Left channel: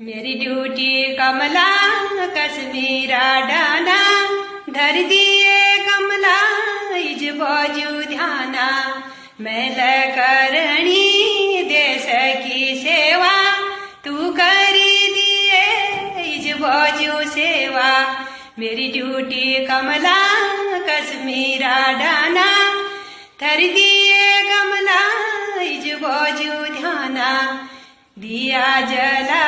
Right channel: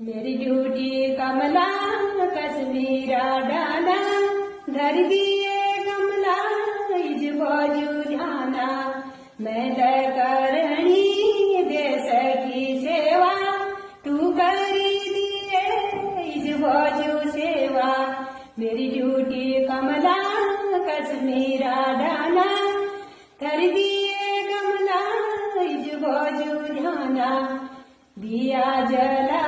मेरी ड्यूटी कमला कश्मीरा डाना धर दिए कमला इज बाजू ध्याना मैल करणी देश की सेवा तू करी दिए इज बाजू सेवा मेरी ड्यूटी कमला कश्मीरा डाना धर दिए कमला इज बाजू ध्याना दिया जला